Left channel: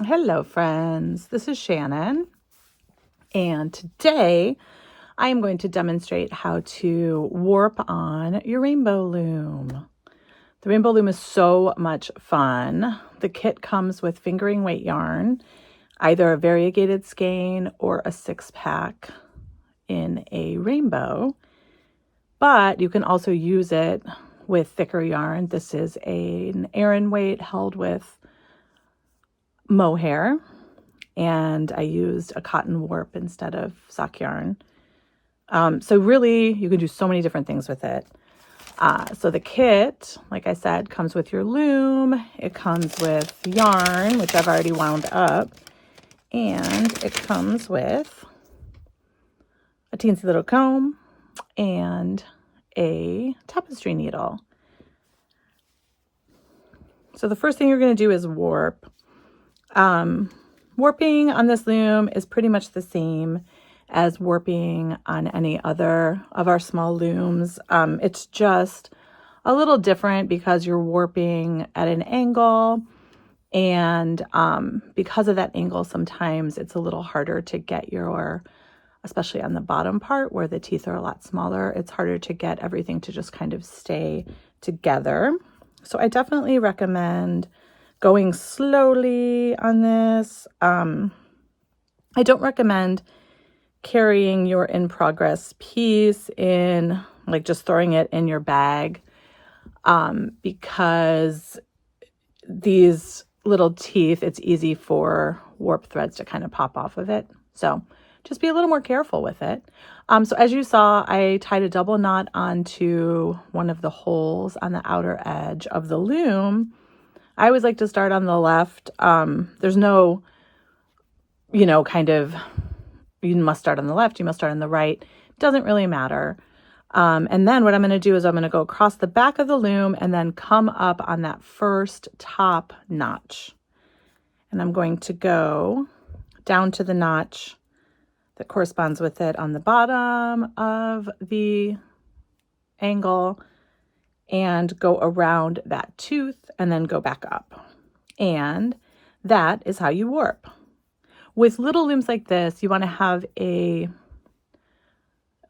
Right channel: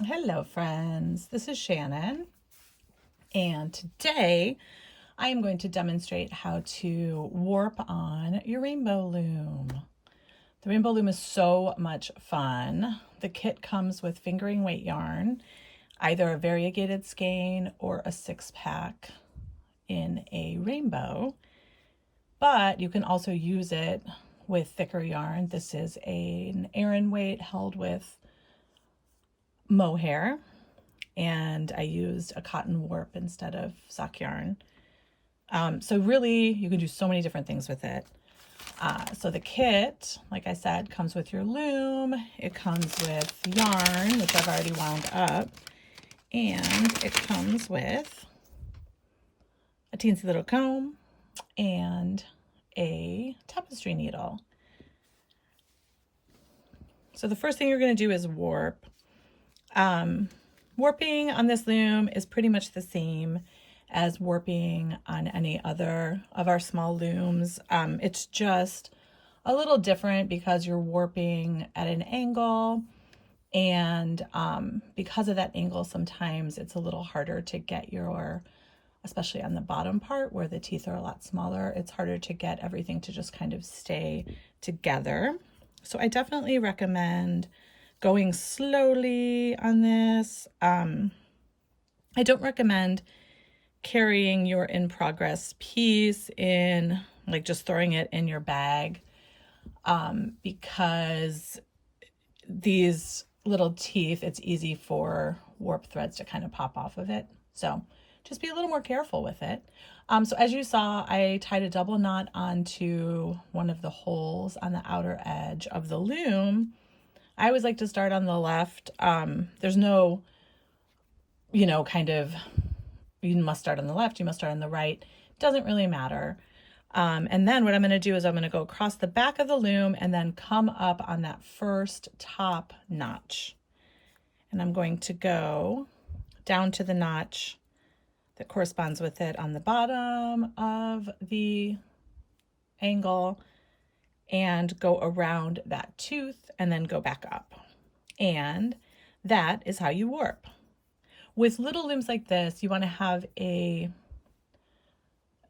Hello friends, this is Shannon, and today I am going to demonstrate how to warp on your Rainbow Loom. The Rainbow Loom is so much fun. The kit comes with fingering weight yarn, either a variegated skein or a 6-pack in a rainbow, but you can also use it with thicker yarn. This is an Aran weight held with mohair, and I used a cotton warp instead of sock yarn. So really, you can do so many different things with it. So the kit, like I said, comes with your loom. It comes with yarn, which I've already wound up, and it comes with a teensy little comb and a tapestry needle. So the first thing you're going to do is warp. Warping on this loom is pretty much the same as warping on any other of our small looms. It's just a little different because you're warping at an angle, and because of that angle, sometimes it's a little harder to get your, especially on the bottom part where the teeth are a lot smaller, it's harder to get everything to just kind of stay together. So I definitely recommend going slowly on this. I don't recommend carrying your in-progress piece in, like just throwing it in your bag, because these little teeth, it's easy for warp threads to kind of pop off of it. So just be a little more careful with it. So as you saw, I tied a double knot onto one of the holes on the outer edge of the loom. I always like to start on the left. There's no, kind of, you must start on the left, you must start on the right. Doesn't really matter. And then what I'm going to do is I'm going to go across the back of the loom and then come up on that first top notch. And I'm going to go down to the notch that corresponds with it on the bottom of the angle and go around that tooth and then go back up. And that is how you warp. With little looms like this, you want to have a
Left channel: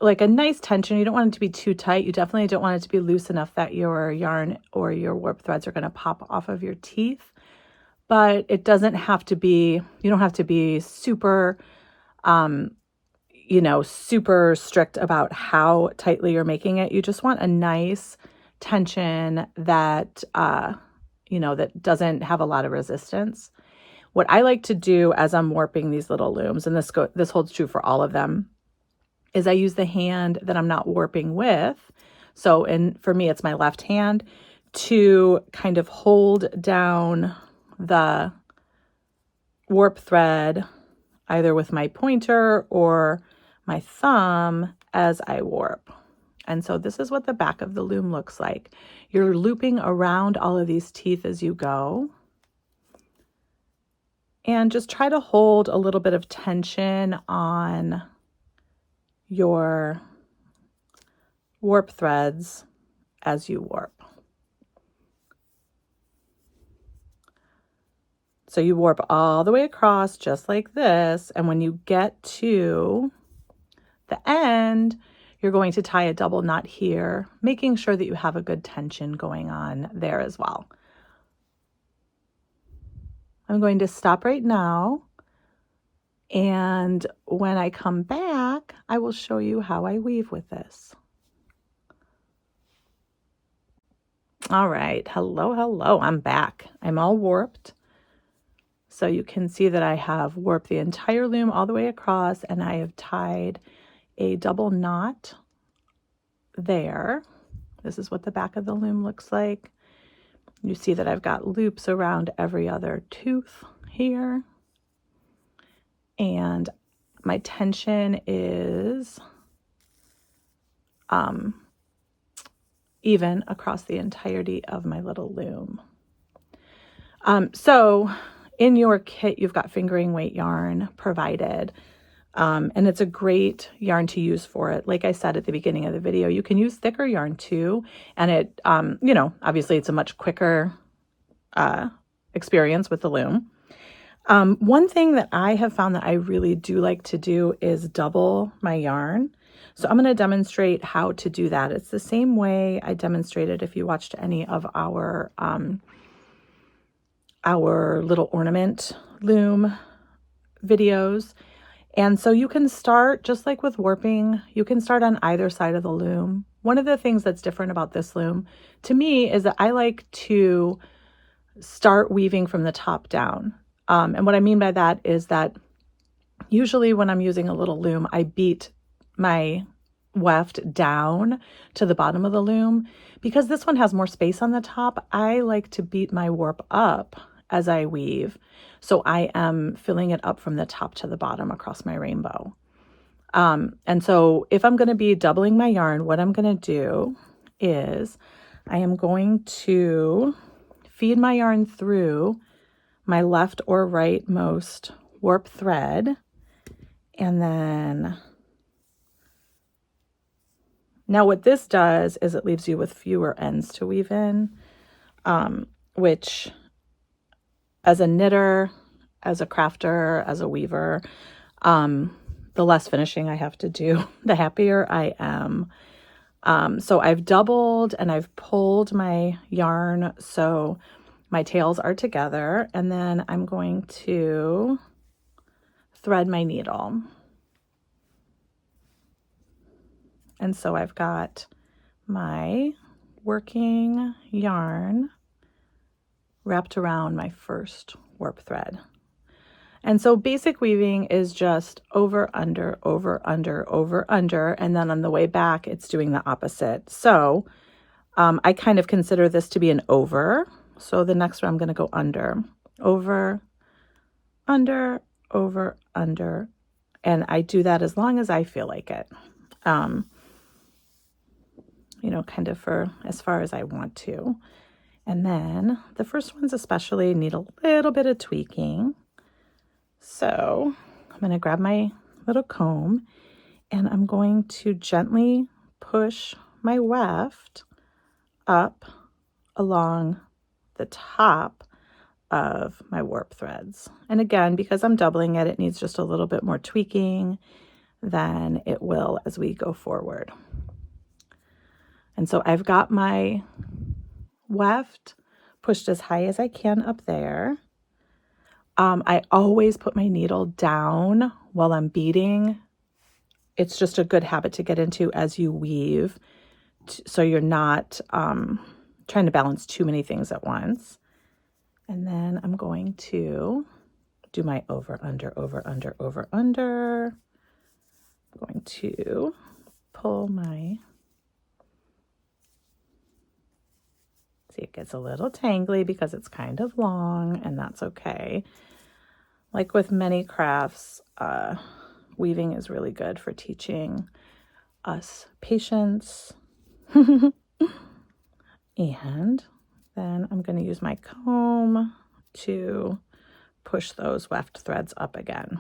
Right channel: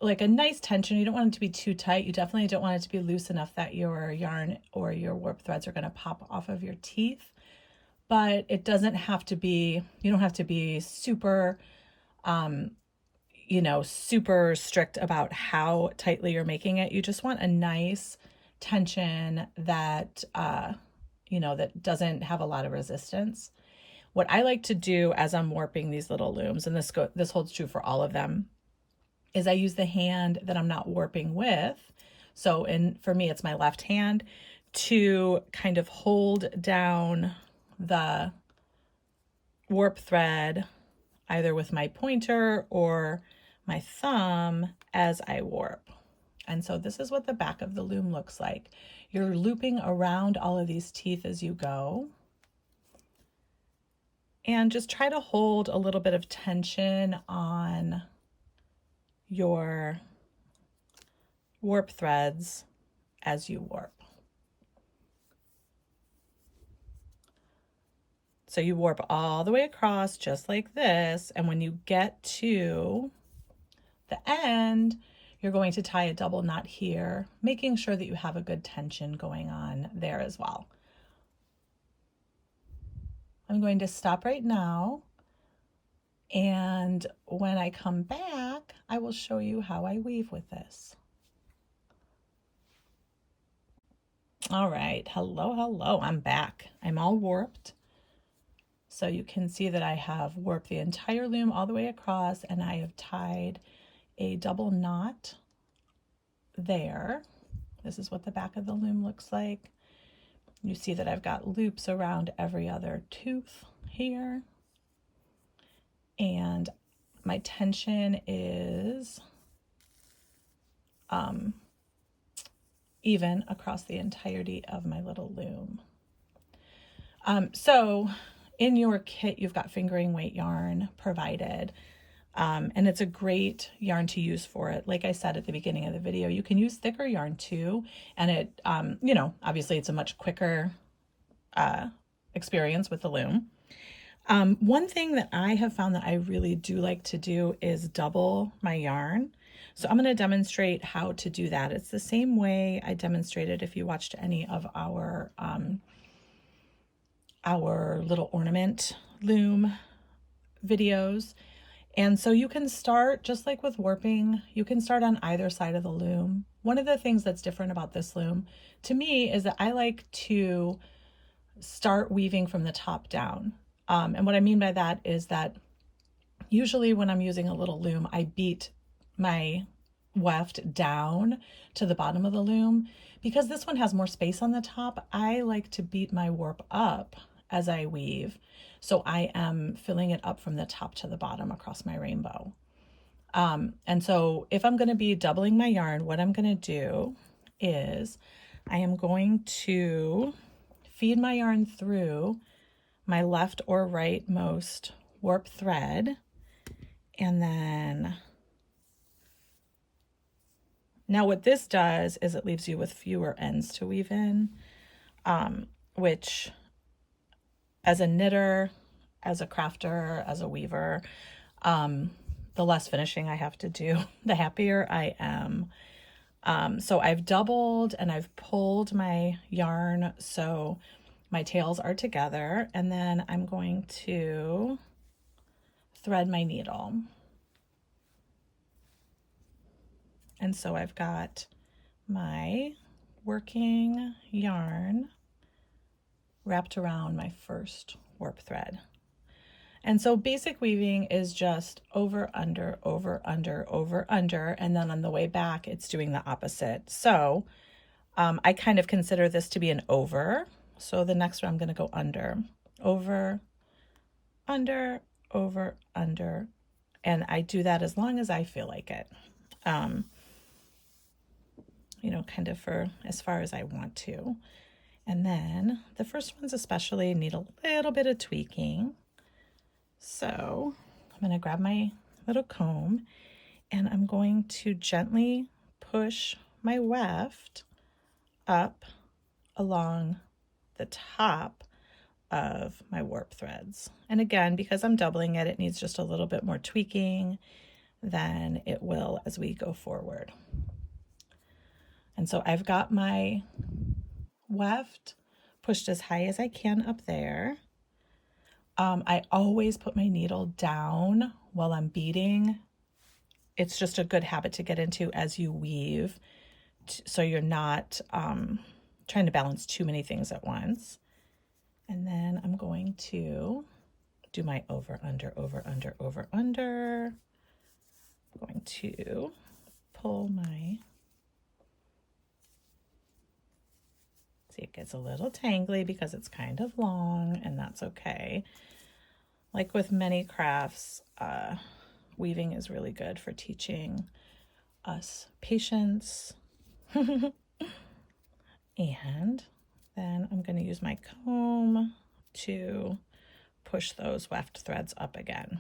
nice tension. You don't want it to be too tight. You definitely don't want it to be loose enough that your yarn or your warp threads are going to pop off of your teeth. But it doesn't have to be, you don't have to be super, super strict about how tightly you're making it. You just want a nice tension that, that doesn't have a lot of resistance. What I like to do as I'm warping these little looms, and this holds true for all of them, is I use the hand that I'm not warping with. So, for me, it's my left hand, to kind of hold down the warp thread, either with my pointer or my thumb as I warp. And so this is what the back of the loom looks like. You're looping around all of these teeth as you go. And just try to hold a little bit of tension on your warp threads as you warp. So you warp all the way across just like this. And when you get to the end, you're going to tie a double knot here, making sure that you have a good tension going on there as well. I'm going to stop right now, and when I come back, I will show you how I weave with this. All right, hello, I'm back. I'm all warped. So you can see that I have warped the entire loom all the way across, and I have tied a double knot there. This is what the back of the loom looks like. You see that I've got loops around every other tooth here. And my tension is even across the entirety of my little loom. So in your kit, you've got fingering weight yarn provided. And it's a great yarn to use for it. Like I said at the beginning of the video, you can use thicker yarn too. And it, obviously it's a much quicker experience with the loom. One thing that I have found that I really do like to do is double my yarn. So I'm going to demonstrate how to do that. It's the same way I demonstrated if you watched any of our little ornament loom videos. And so you can start just like with warping, you can start on either side of the loom. One of the things that's different about this loom to me is that I like to start weaving from the top down. And what I mean by that is that usually when I'm using a little loom, I beat my weft down to the bottom of the loom. Because this one has more space on the top, I like to beat my warp up as I weave. So I am filling it up from the top to the bottom across my rainbow. And so if I'm going to be doubling my yarn, what I'm going to do is I am going to feed my yarn through my left or right most warp thread, and then now what this does is it leaves you with fewer ends to weave in, which as a knitter, as a crafter, as a weaver, the less finishing I have to do, the happier I am. So I've doubled and I've pulled my yarn so my tails are together, and then I'm going to thread my needle. And so I've got my working yarn wrapped around my first warp thread. And so basic weaving is just over, under, over, under, over, under, and then on the way back, it's doing the opposite. So I kind of consider this to be an over. So the next one, I'm going to go under, over, under, over, under, and I do that as long as I feel like it. You know, kind of for as far as I want to. And then the first ones especially need a little bit of tweaking. So I'm going to grab my little comb and I'm going to gently push my weft up along the top of my warp threads. And again, because I'm doubling it, it needs just a little bit more tweaking than it will as we go forward. And so I've got my weft pushed as high as I can up there. I always put my needle down while I'm beading. It's just a good habit to get into as you weave, so you're not trying to balance too many things at once. And then I'm going to do my over, under, over, under, over, under. I'm going to pull my, see, it gets a little tangly because it's kind of long, and that's okay. Like with many crafts, weaving is really good for teaching us patience. And then I'm going to use my comb to push those weft threads up again.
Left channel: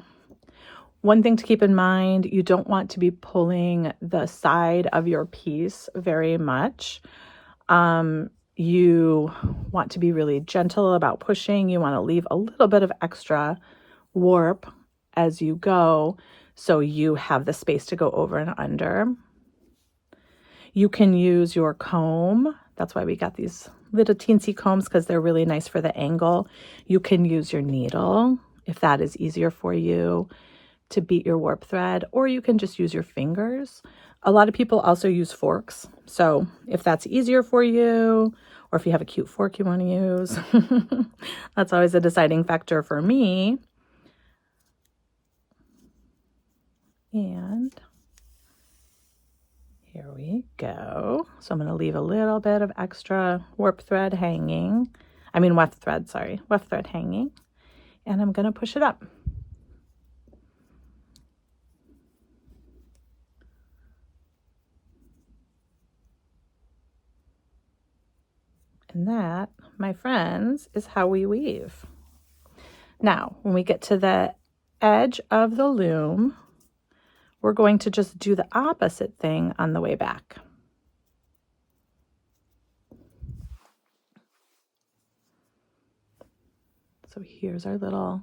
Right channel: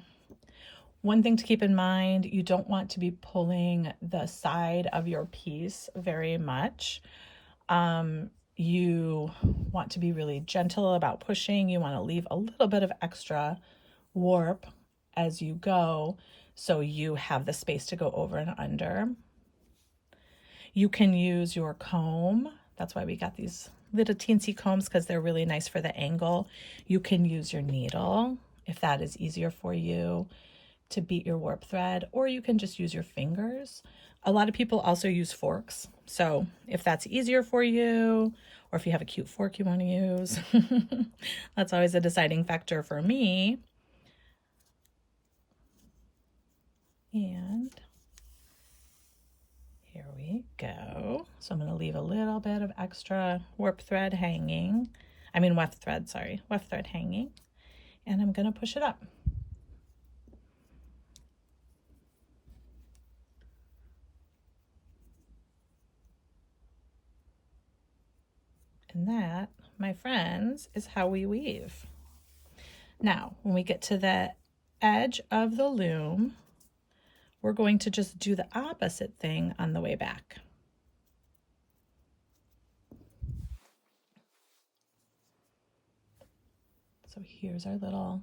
One thing to keep in mind, you don't want to be pulling the side of your piece very much. You want to be really gentle about pushing. You want to leave a little bit of extra warp as you go, so you have the space to go over and under. You can use your comb. That's why we got these little teensy combs, because they're really nice for the angle. You can use your needle if that is easier for you to beat your warp thread, or you can just use your fingers. A lot of people also use forks. So if that's easier for you, or if you have a cute fork you want to use, that's always a deciding factor for me. And here we go. So I'm going to leave a little bit of extra warp thread hanging. I mean weft thread, sorry. Weft thread hanging. And I'm going to push it up. And that, my friends, is how we weave. Now, when we get to the edge of the loom, we're going to just do the opposite thing on the way back. So here's our little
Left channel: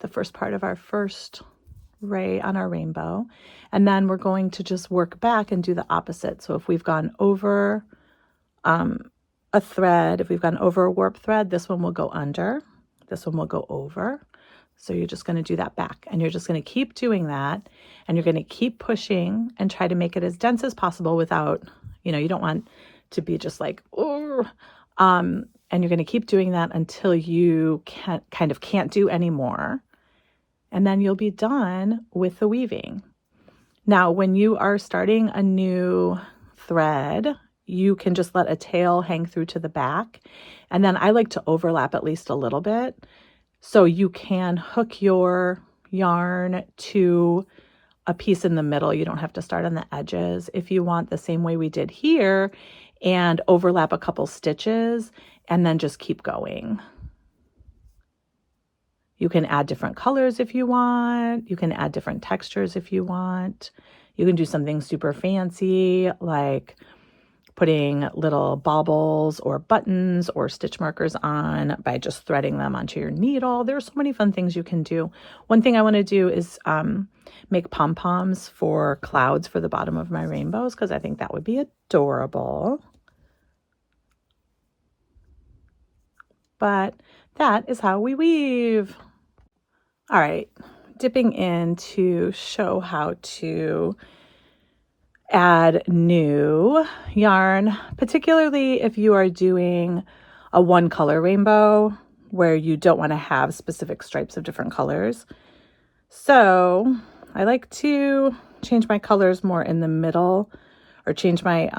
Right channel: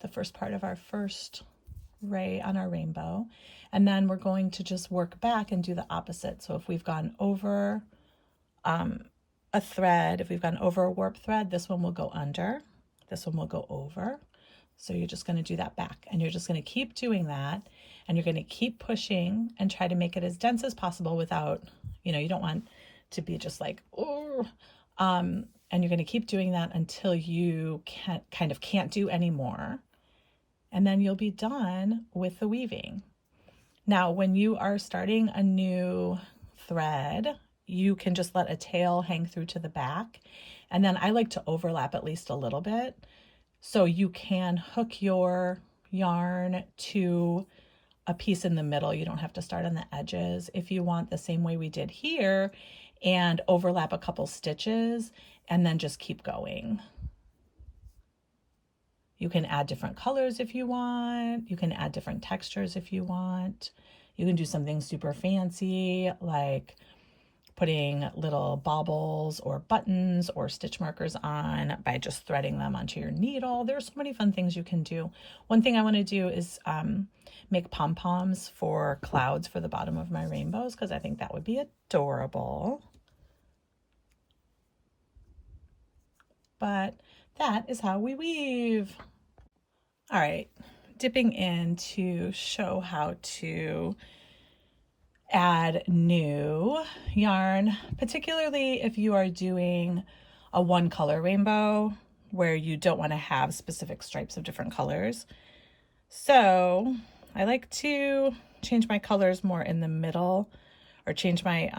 the first part of our first ray on our rainbow. And then we're going to just work back and do the opposite. So if we've gone over a thread, if we've gone over a warp thread, this one will go under, this one will go over. So you're just going to do that back, and you're just going to keep doing that, and you're going to keep pushing and try to make it as dense as possible without, you know, you don't want to be just like, oh, and you're going to keep doing that until you can't do any more. And then you'll be done with the weaving. Now, when you are starting a new thread, you can just let a tail hang through to the back. And then I like to overlap at least a little bit. So you can hook your yarn to a piece in the middle. You don't have to start on the edges if you want, the same way we did here, and overlap a couple stitches and then just keep going. You can add different colors if you want. You can add different textures if you want. You can do something super fancy like putting little baubles or buttons or stitch markers on by just threading them onto your needle. There's so many fun things you can do. One thing I want to do is make pom-poms for clouds for the bottom of my rainbows, because I think that would be adorable. But that is how we weave. All right, dipping in to show how to add new yarn, particularly if you are doing a one color rainbow where you don't want to have specific stripes of different colors. So I like to change my colors more in the middle, or change my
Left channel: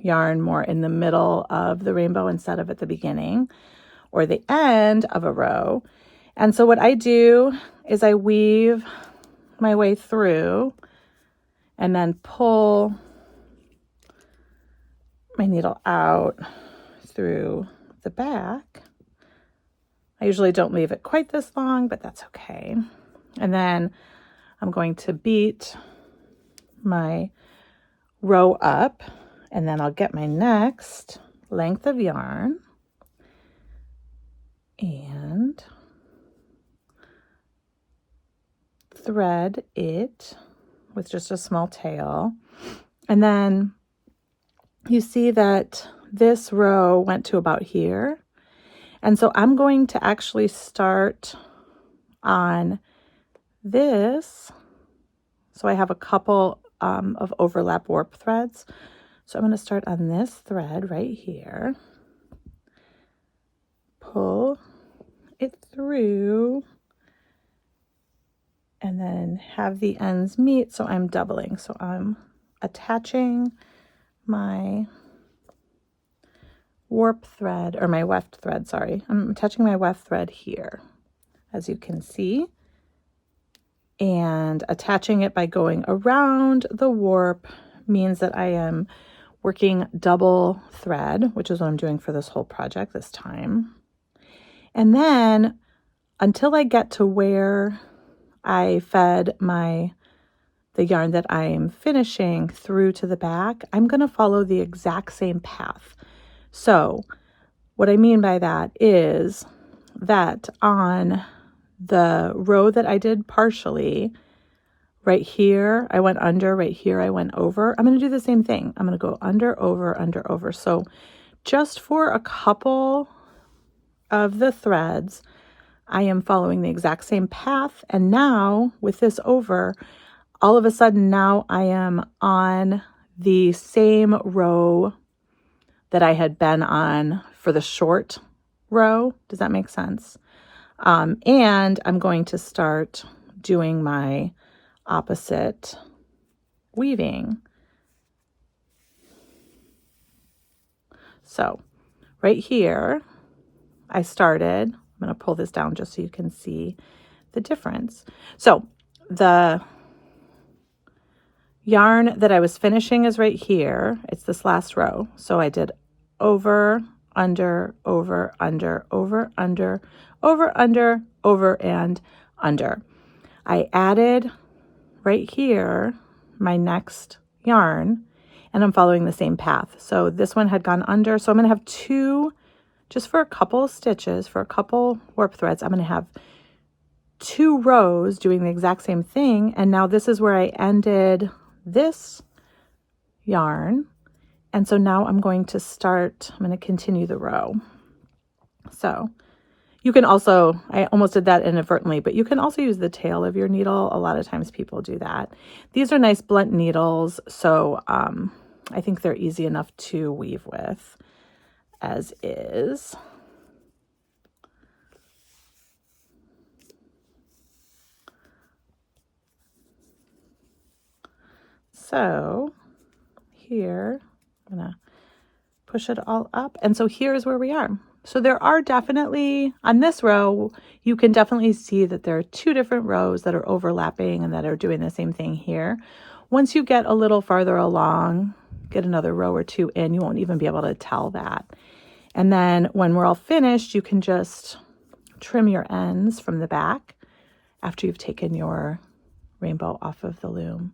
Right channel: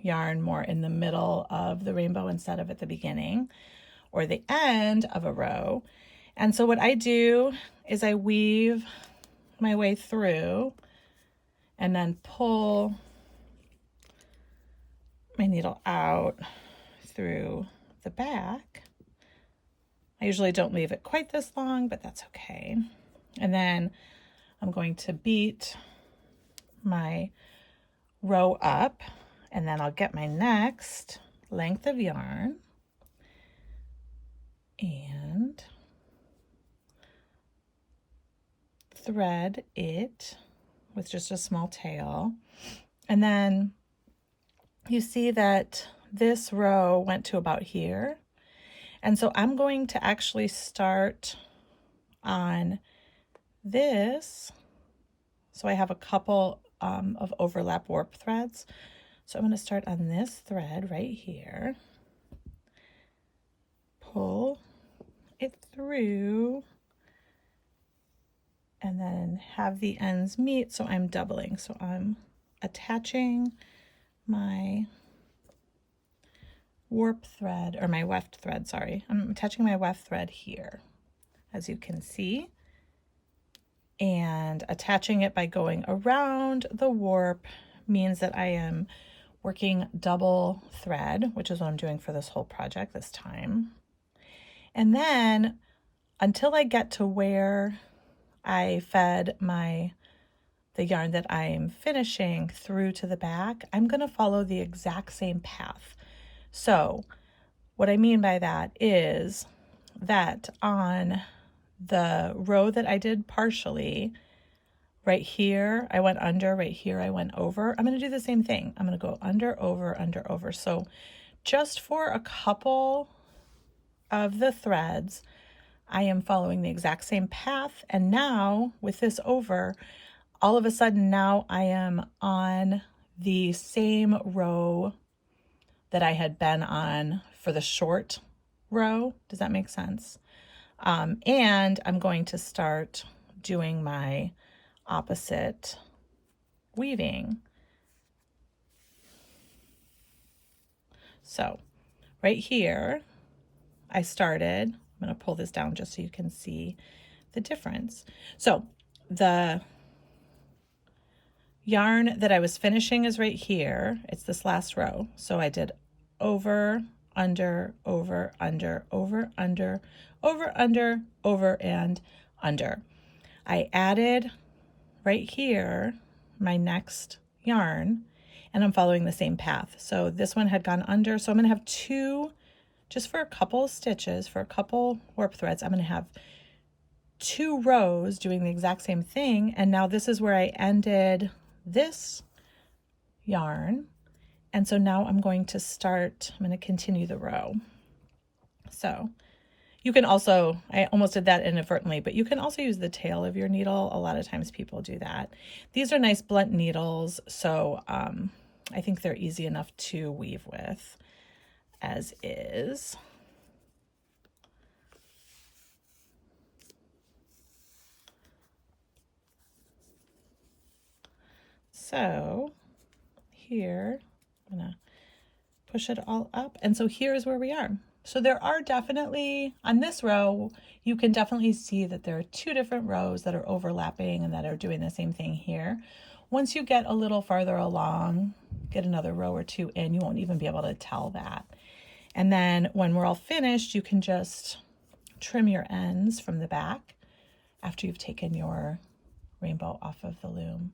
yarn more in the middle of the rainbow instead of at the beginning or the end of a row. And so what I do is I weave my way through and then pull my needle out through the back. I usually don't leave it quite this long, but that's okay. And then I'm going to beat my row up, and then I'll get my next length of yarn and thread it with just a small tail. And then you see that this row went to about here. And so I'm going to actually start on this. So I have a couple of overlap warp threads. So I'm going to start on this thread right here, pull it through, and then have the ends meet. So I'm doubling. So I'm attaching my warp thread, or my weft thread, sorry. I'm attaching my weft thread here, as you can see, and attaching it by going around the warp means that I am working double thread, which is what I'm doing for this whole project this time. And then until I get to where I fed the yarn that I'm finishing through to the back, I'm going to follow the exact same path. So what I mean by that is that on the row that I did partially, right here I went under, right here I went over. I'm going to do the same thing. I'm going to go under, over, under, over. So just for a couple of the threads, I am following the exact same path. And now with this over, all of a sudden now I am on the same row that I had been on for the short row. Does that make sense? And I'm going to start doing my opposite weaving. So right here, I started, I'm going to pull this down just so you can see the difference. So the yarn that I was finishing is right here. It's this last row. So I did over, under, over, under, over, under, over, under, over, and under. I added right here my next yarn, and I'm following the same path. So this one had gone under, so I'm going to have two, just for a couple of stitches, for a couple warp threads, I'm going to have 2 rows doing the exact same thing, and now this is where I ended this yarn. And so now I'm going to continue the row. So you can also, I almost did that inadvertently, but you can also use the tail of your needle. A lot of times people do that. These are nice blunt needles, so I think they're easy enough to weave with as is. So here, I'm gonna push it all up. And so here's where we are. So there are definitely, on this row, you can definitely see that there are 2 different rows that are overlapping and that are doing the same thing here. Once you get a little farther along, get another row or 2 in, you won't even be able to tell that. And then when we're all finished, you can just trim your ends from the back after you've taken your rainbow off of the loom.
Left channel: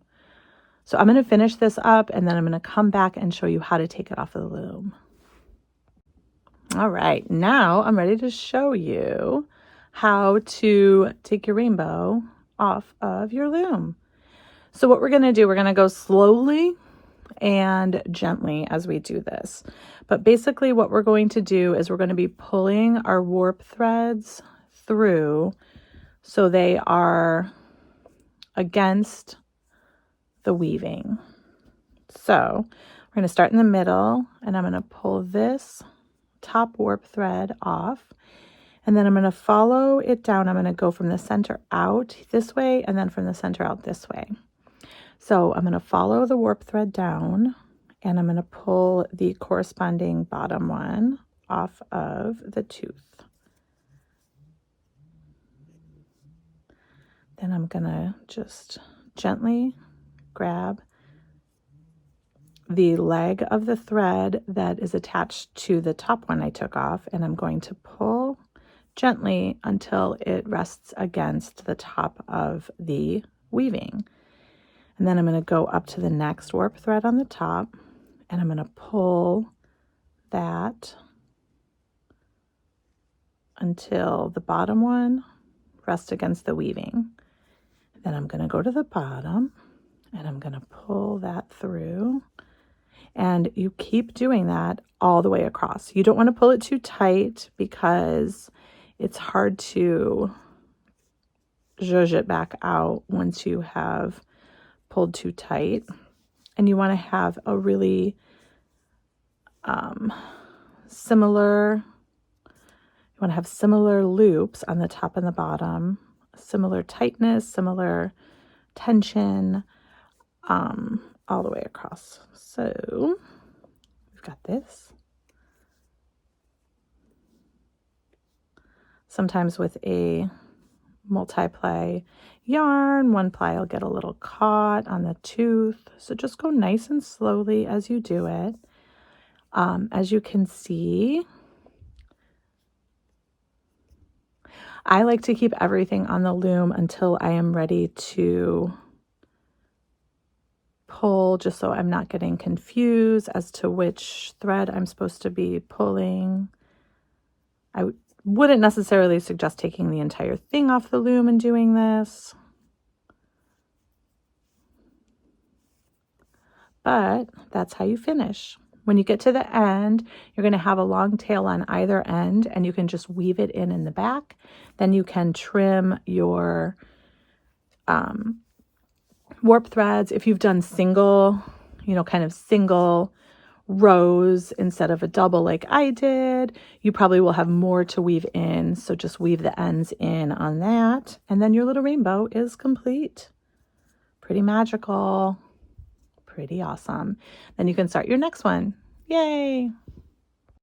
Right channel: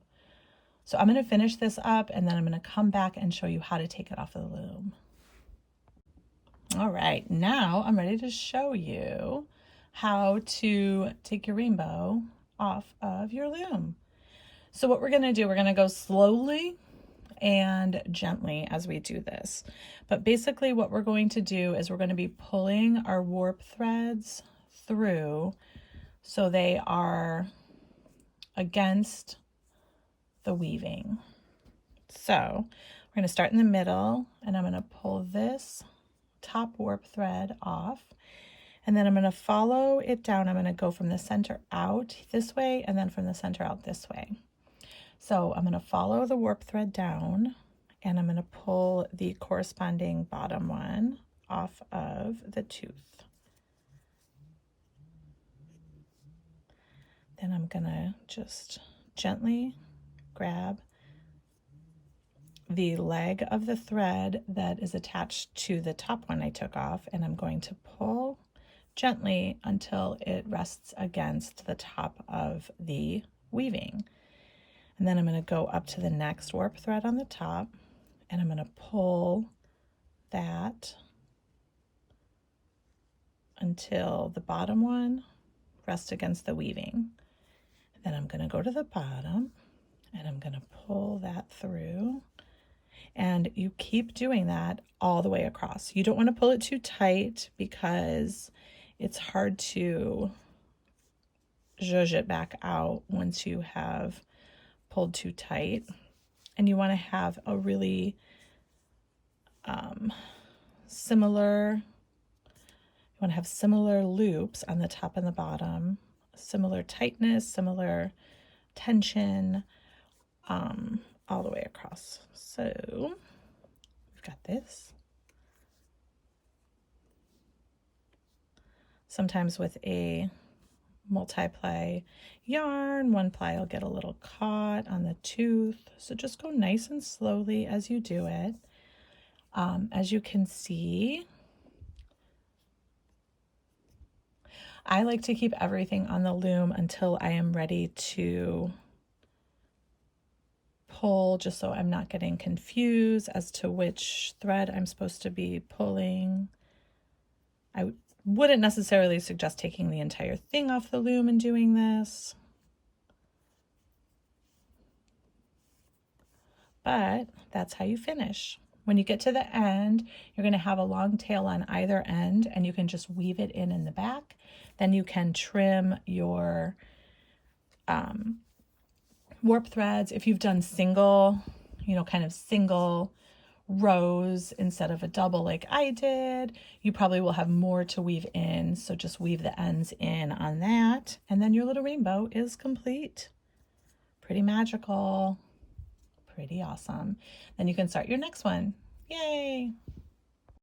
So I'm going to finish this up and then I'm going to come back and show you how to take it off of the loom. All right, now I'm ready to show you how to take your rainbow off of your loom. So what we're going to do, we're going to go slowly and gently as we do this. But basically what we're going to do is we're going to be pulling our warp threads through so they are against the weaving. So we're going to start in the middle and I'm going to pull this top warp thread off, and then I'm going to follow it down. I'm going to go from the center out this way and then from the center out this way. So I'm going to follow the warp thread down and I'm going to pull the corresponding bottom one off of the tooth. Then I'm going to just gently grab the leg of the thread that is attached to the top one I took off, and I'm going to pull gently until it rests against the top of the weaving. And then I'm going to go up to the next warp thread on the top and I'm going to pull that until the bottom one rests against the weaving. Then I'm going to go to the bottom and I'm going to pull that through. And you keep doing that all the way across. You don't want to pull it too tight because it's hard to zhuzh it back out once you have pulled too tight. And you want to have a really similar loops on the top and the bottom, similar tightness, similar tension, all the way across. So we've got this. Sometimes with a multi-ply yarn, one ply will get a little caught on the tooth. So just go nice and slowly as you do it. As you can see, I like to keep everything on the loom until I am ready to pull, just so I'm not getting confused as to which thread I'm supposed to be pulling. I wouldn't necessarily suggest taking the entire thing off the loom and doing this, but that's how you finish. When you get to the end, you're going to have a long tail on either end and you can just weave it in the back. Then you can trim your warp threads. If you've done single, kind of single rows instead of a double like I did, you probably will have more to weave in. So just weave the ends in on that. And then your little rainbow is complete. Pretty magical. Pretty awesome. Then you can start your next one. Yay!